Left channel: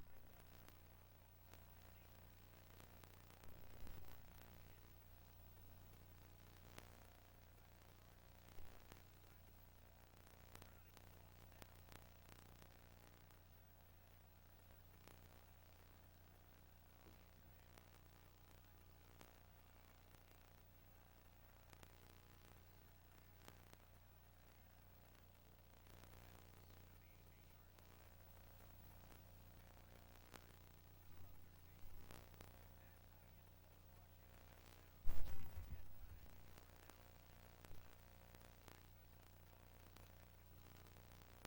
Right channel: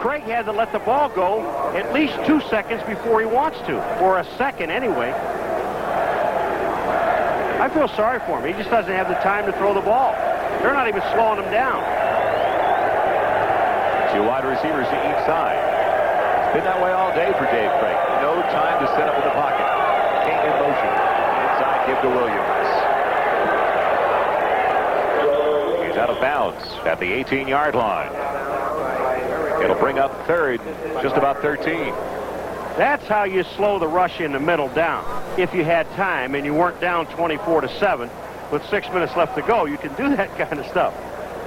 Craig had to let the ball go at least 2 seconds before he wants to, or a second anyway. I feel sorry for him. He just doesn't have the time to throw the ball. They're not even slowing him down. 2 wide receivers to each side. It's been that way all day for Dave Craig. No time to set up in the pocket. King in motion. Inside, give to Williams. He's out of bounds at the 18-yard line. It'll bring up third, just about 13. That's how you slow the rush in the middle down. If you had time and you weren't down 24-7 with 6 minutes left to go, you can do that kind of stuff.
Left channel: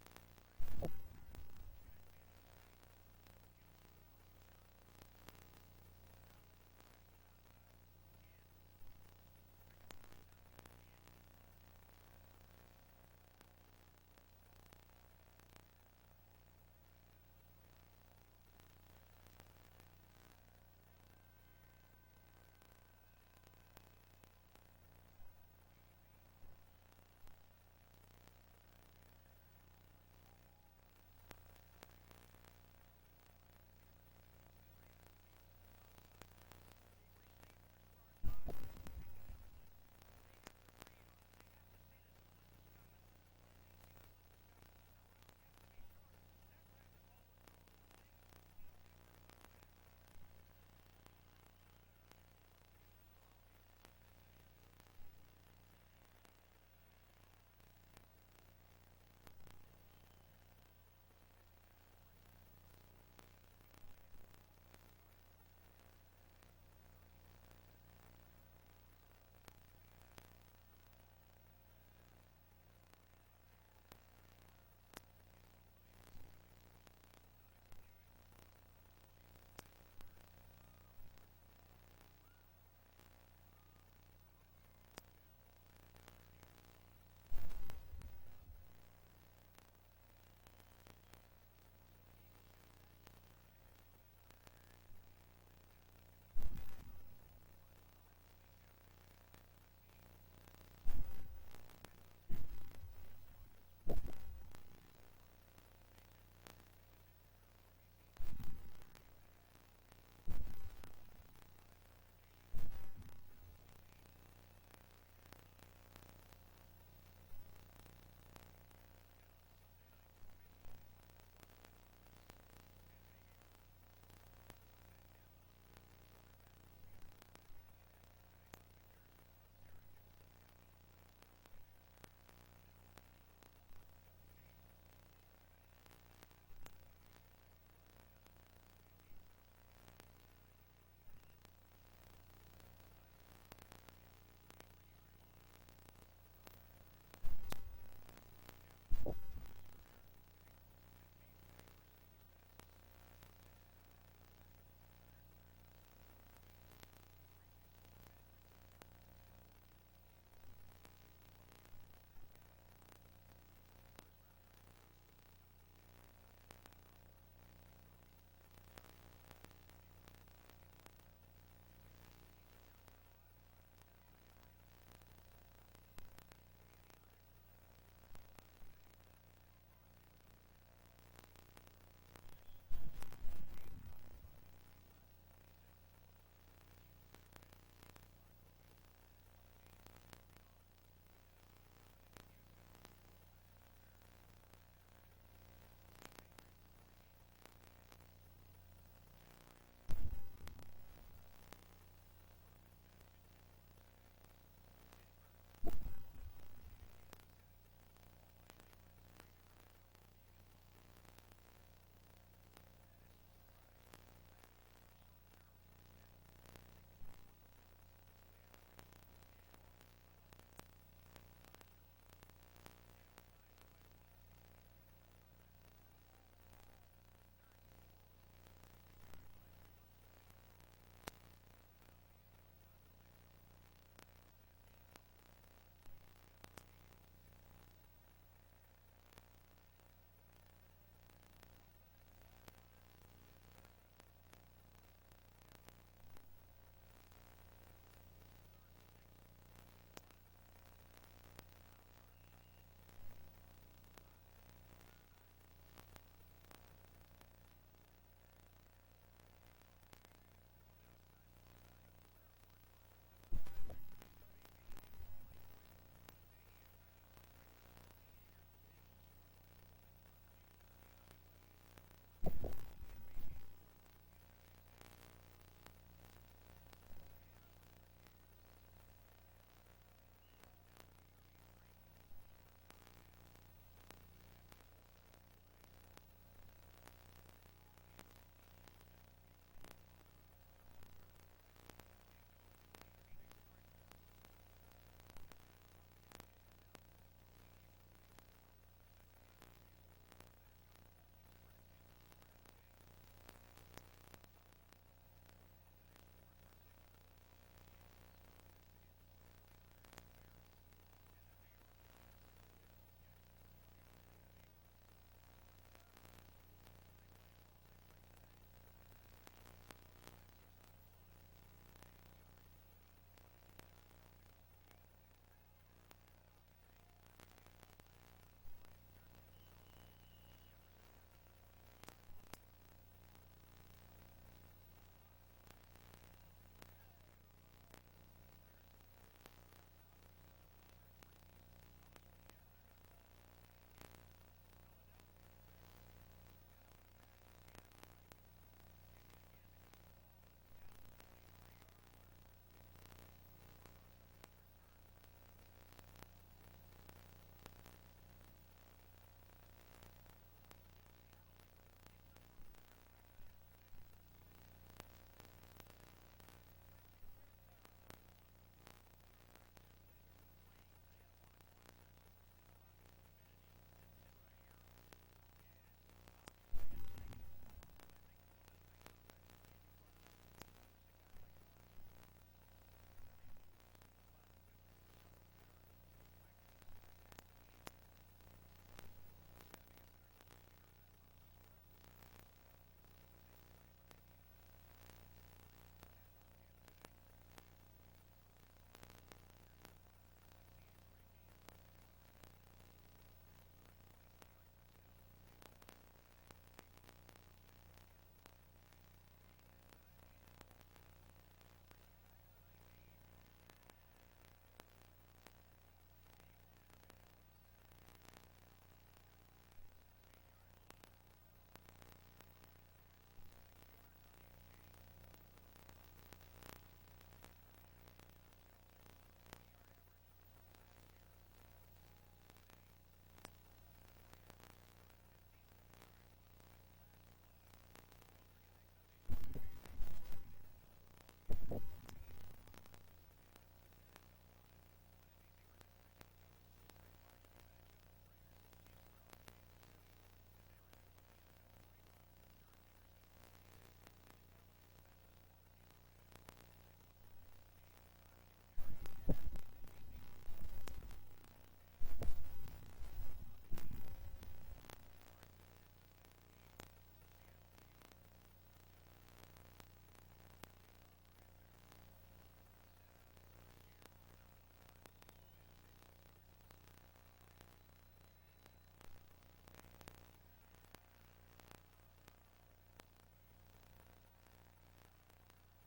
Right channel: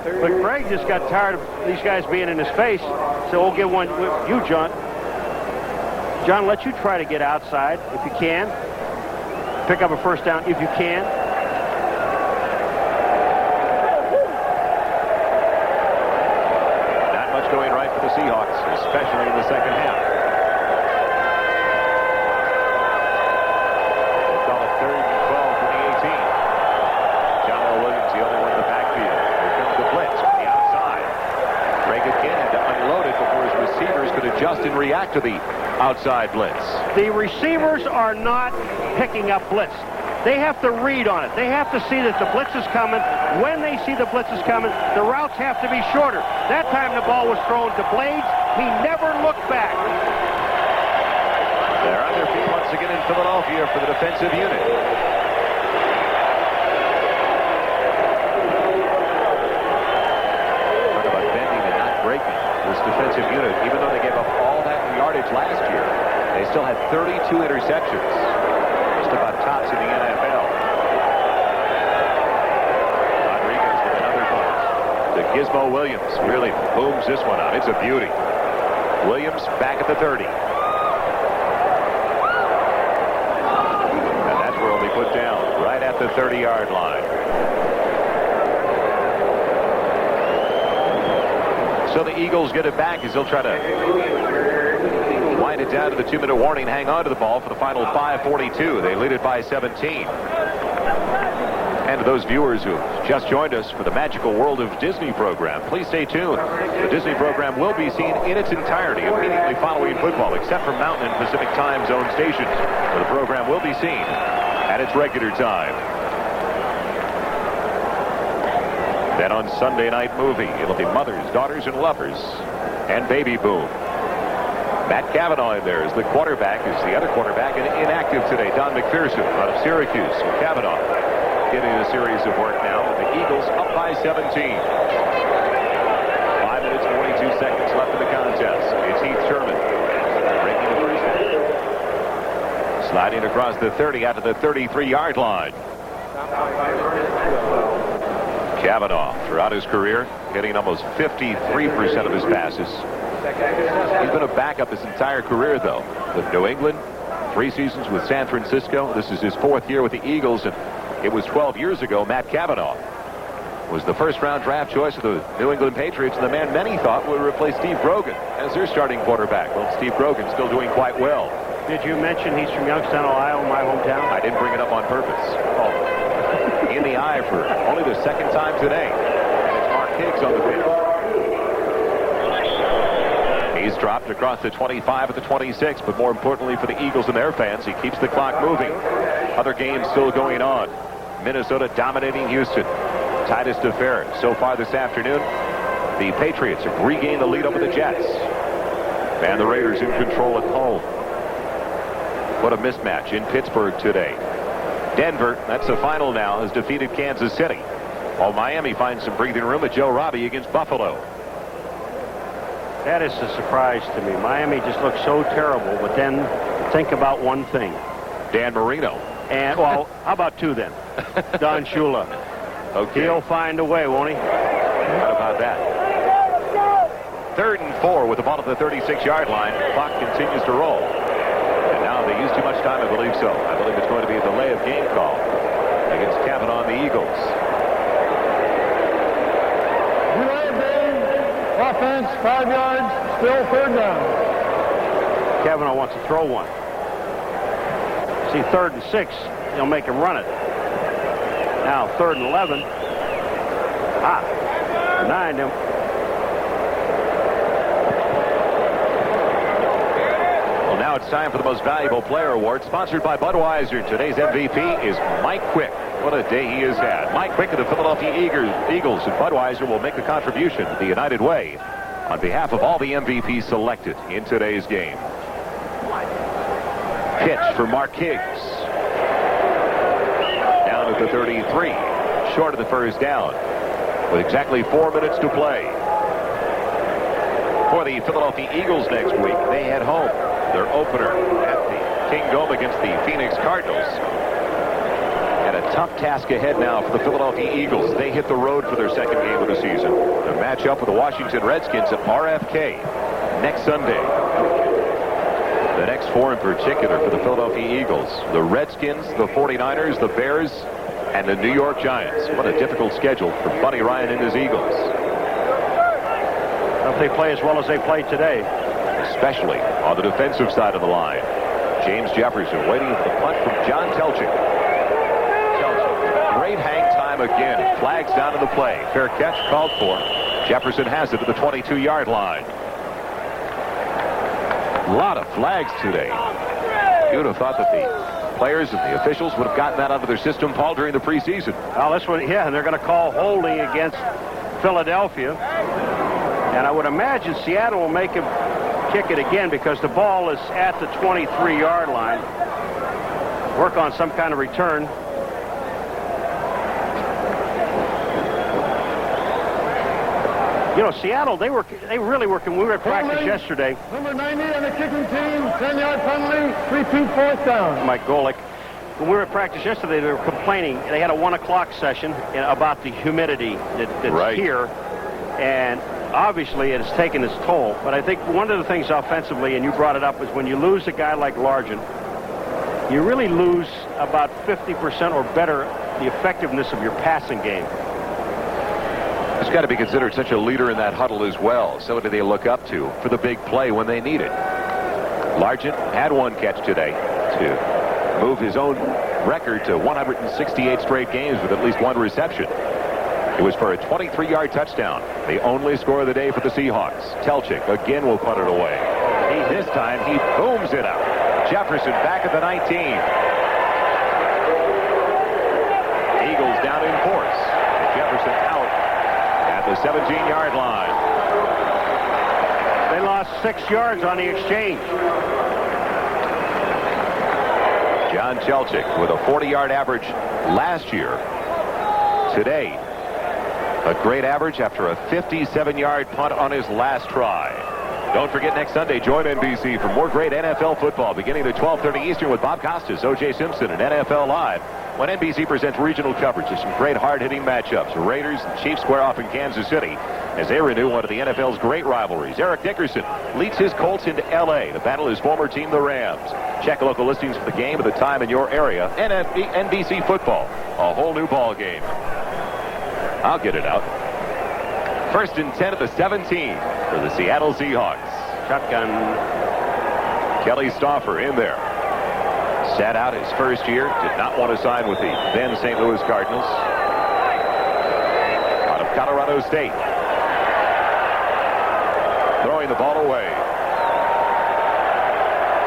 But Craig just got tired of these guys being in his face, so we'll get one with you, John. John, let you try to get outside if you can. Pick up a first down if you can. Not much going right for the Seahawks, especially in the second half. They'll call it 3rd and 12 from the 18. John Williams, the only one in the backfield. Here comes the blitz from the outside. Craig again had to unload it before his receivers could adjust and react to the outside blitz. The receivers are not picking up blitz. They have to read on it. They have to see that the blitz is coming. When they see the blitz is coming, the routes have to be shorter. That time the ball was thrown to Blades. He never looked back. They're on their feet once again in Philadelphia for the defensive unit. Talk about bending and not breaking. This defensive unit, even though they gave up all that yardage last year, they still had 32 interceptions. Just about tops in the NFL. Rodriguez with another punch. The Gizmo Williams really booms this one out. It's a beauty. Williams back at the 30. And that's where he'll be put down, right at the 30-yard line. So the Eagles get it back as they'll try to wind it down to the 2-minute warning. Hang on to the ball for the final 5:42. They lead it by 17. And to those viewers who just joined us for the Magical World of Disney program, please stay tuned. The Disney program will be seen in its entirety immediately following football, except for Mountain and Pacific time zone stations, where the program will be seen at its regular time. Then on Sunday Night Movie, it'll be Mothers, Daughters, and Lovers, and Baby Boom. Matt Cavanaugh in there as the quarterback, is the other quarterback, and inactive today. Don McPherson out of Syracuse. Cavanaugh getting a series of work now with the Eagles up by 17. 5 minutes, 42 seconds left in the contest. It's Heath Sherman breaking the first half. Sliding across the 30 out to the 33-yard line. Cavanaugh, throughout his career, hitting almost 53% of his passes. He's been a backup his entire career, though, with New England, 3 seasons with San Francisco. This is his 4th year with the Eagles, and it was 12 years ago Matt Cavanaugh was the first-round draft choice of the New England Patriots, and the man many thought would replace Steve Grogan as their starting quarterback. Well, Steve Grogan still doing quite well. Did you mention he's from Youngstown, Ohio, my hometown? I didn't bring it up on purpose. Oh. In the eye for only the 2nd time today. And it's Mark Higgs on the field. He's dropped across the 25 at the 26, but more importantly for the Eagles and their fans, he keeps the clock moving. Other games still going on. Minnesota dominating Houston. Tightest affair so far this afternoon. The Patriots have regained the lead over the Jets. And the Raiders in control at home. What a mismatch in Pittsburgh today. Denver, that's the final now, has defeated Kansas City. While Miami finds some breathing room at Joe Robbie against Buffalo. That is a surprise to me. Miami just looks so terrible, but then think about one thing. Dan Marino. And, well, how about 2 then? Don Shula. Okay. He'll find a way, won't he? How about that? 3rd and 4 with the ball at the 36-yard line. Clock continues to roll. And now they use too much time, I believe so. I believe it's going to be a delay of game call against Cavanaugh and the Eagles. Offense, 5 yards, still 3rd down. Cavanaugh wants to throw one. See, 3rd and 6, he'll make him run it. Now 3rd and 11. Denied him. Now it's time for the Most Valuable Player Award, sponsored by Budweiser. Today's MVP is Mike Quick. What a day he has had. Mike Quick of the Philadelphia Eagles, and Budweiser will make the contribution the United Way on behalf of all the MVPs selected in today's game. Pitch for Mark Higgs. Down at the 33. Short of the first down. With exactly 4 minutes to play. For the Philadelphia Eagles next week, they head home. Their opener at the Kingdome against the Phoenix Cardinals. And a tough task ahead now for the Philadelphia Eagles. They hit the road for their second game of the season. They match up with the Washington Redskins at RFK next Sunday. The next four in particular for the Philadelphia Eagles: the Redskins, the 49ers, the Bears, and the New York Giants. What a difficult schedule for Buddy Ryan and his Eagles. If they play as well as they played today. Especially on the defensive side of the line. James Jefferson waiting for the punt from John Telchik. Great hang time again. Flags down in the play. Fair catch called for. Jefferson has it at the 22-yard line. A lot of flags today. You would have thought that the players and the officials would have gotten that out of their system, Paul, during the preseason. Well, this one, yeah, and they're going to call holding against Philadelphia. And I would imagine Seattle will make him kick it again because the ball is at the 23-yard line. Work on some kind of return. You know, Seattle, they really working. We were at practice yesterday. Number 90 on the kicking team, 10-yard penalty, 3-2 fourth down. Mike Golick. When we were at practice yesterday, they were complaining. They had a 1 o'clock session about the humidity that's right here. And obviously, it has taken its toll. But I think one of the things offensively, and you brought it up, is when you lose a guy like Largent, you really lose about 50% or better the effectiveness of your passing game. He's got to be considered such a leader in that huddle as well. So do they look up to for the big play when they need it. Largent had one catch today to move his own record to 168 straight games with at least one reception. It was for a 23-yard touchdown. The only score of the day for the Seahawks. Telchik again will punt it away. This time he booms it out. Jefferson back at the 19. Eagles down in force. Jefferson out at the 17-yard line. They lost 6 yards on the exchange. John Telchik with a 40-yard average last year. Today, a great average after a 57-yard punt on his last try. Don't forget, next Sunday, join NBC for more great NFL football beginning at 12:30 Eastern with Bob Costas, O.J. Simpson, and NFL Live. When NBC presents regional coverage of some great hard-hitting matchups. Raiders and Chiefs square off in Kansas City as they renew one of the NFL's great rivalries. Eric Dickerson leads his Colts into L.A. to battle his former team, the Rams. Check local listings for the game at the time in your area. NBC football, a whole new ball game. I'll get it out. 1st and 10 at the 17 for the Seattle Seahawks. Shotgun. Kelly Stauffer in there. Sat out his first year. Did not want to sign with the then St. Louis Cardinals. Out of Colorado State. Throwing the ball away.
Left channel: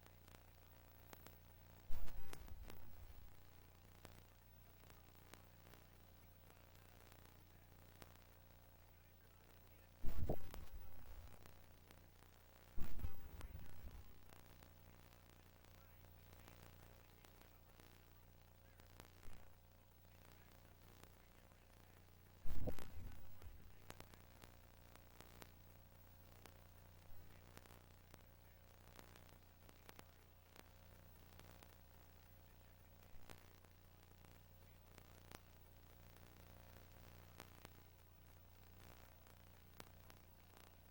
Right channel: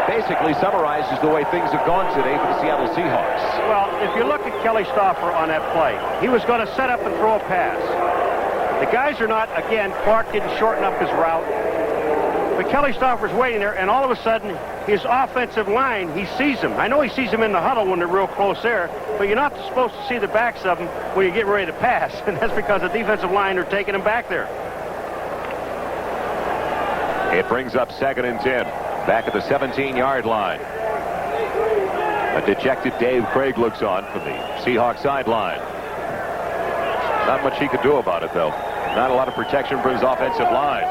Basically summarizes the way things have gone today for the Seattle Seahawks. Well, if you look at Kelly Stauffer on that play, he was going to set up and throw a pass. The guys are not, again, Clark didn't shorten up his route. But Kelly Stauffer's waiting there, and all of a sudden, his offensive line, he sees him. I know he sees him in the huddle when they're real close there, but you're not supposed to see the backs of them when you get ready to pass, and that's because the defensive line are taking him back there. It brings up 2nd and 10. Back at the 17-yard line. A dejected Dave Craig looks on from the Seahawks sideline. Not much he could do about it, though. Not a lot of protection for his offensive line.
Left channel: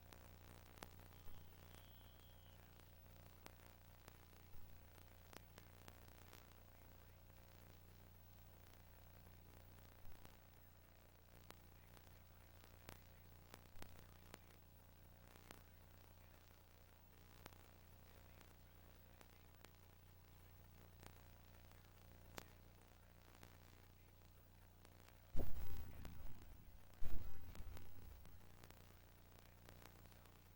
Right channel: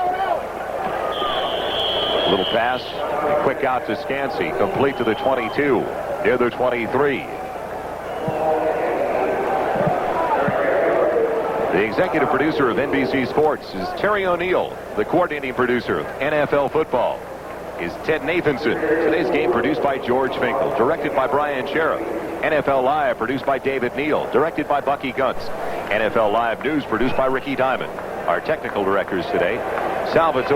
A little pass, a quick out to Scansey, complete to the 22, near the 23. The executive producer of NBC Sports is Terry O'Neill. The coordinating producer of NFL football is Ted Nathanson. Today's game produced by George Finkel, directed by Brian Sheriff. NFL Live produced by David Neal, directed by Bucky Guntz. NFL Live News produced by Ricky Diamond. Our technical directors today, Salvatore